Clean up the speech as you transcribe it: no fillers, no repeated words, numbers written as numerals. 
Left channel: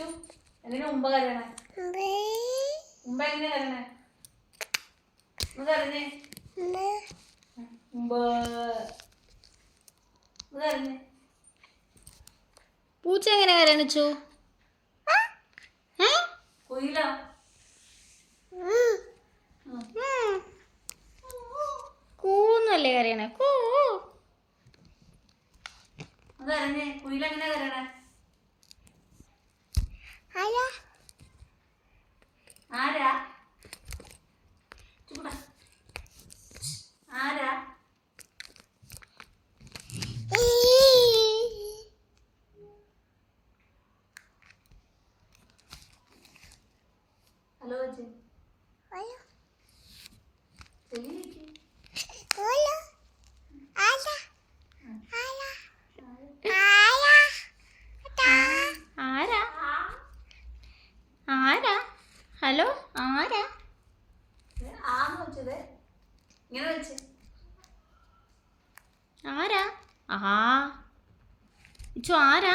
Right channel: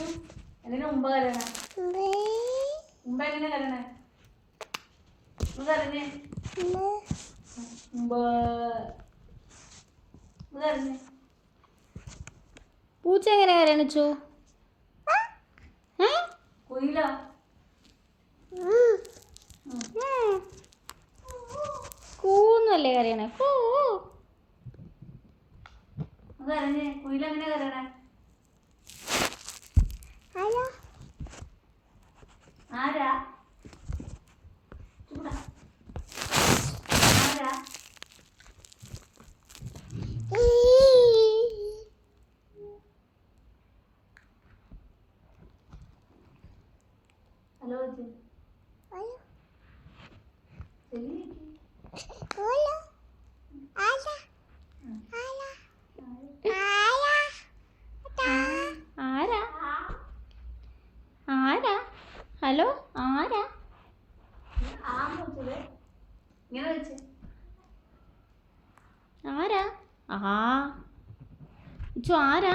എങ്ങനെ ഉമ്പ കരയണേ? ഉമ്പ എങ്ങനെ കരയണേ? കരഞ്ഞേ ഉമ്പ കരഞ്ഞേ. പൂച്ച എങ്ങനെ കരയണിച്ചു? കുയില കൂന്നല്ലേ കരയണേ? കൂ കരഞ്ഞേ. കുയില എങ്ങനെ കരയണേ? ആരാ? ആരാ? ഹലോ ആരാ? ആരാ? ഹലോ ആരാ? ആന്ന് വെച്ചത് ഇങ്ങനെ വെച്ച് ആരാ? ആഹാ ഇച്ചു ആരാ?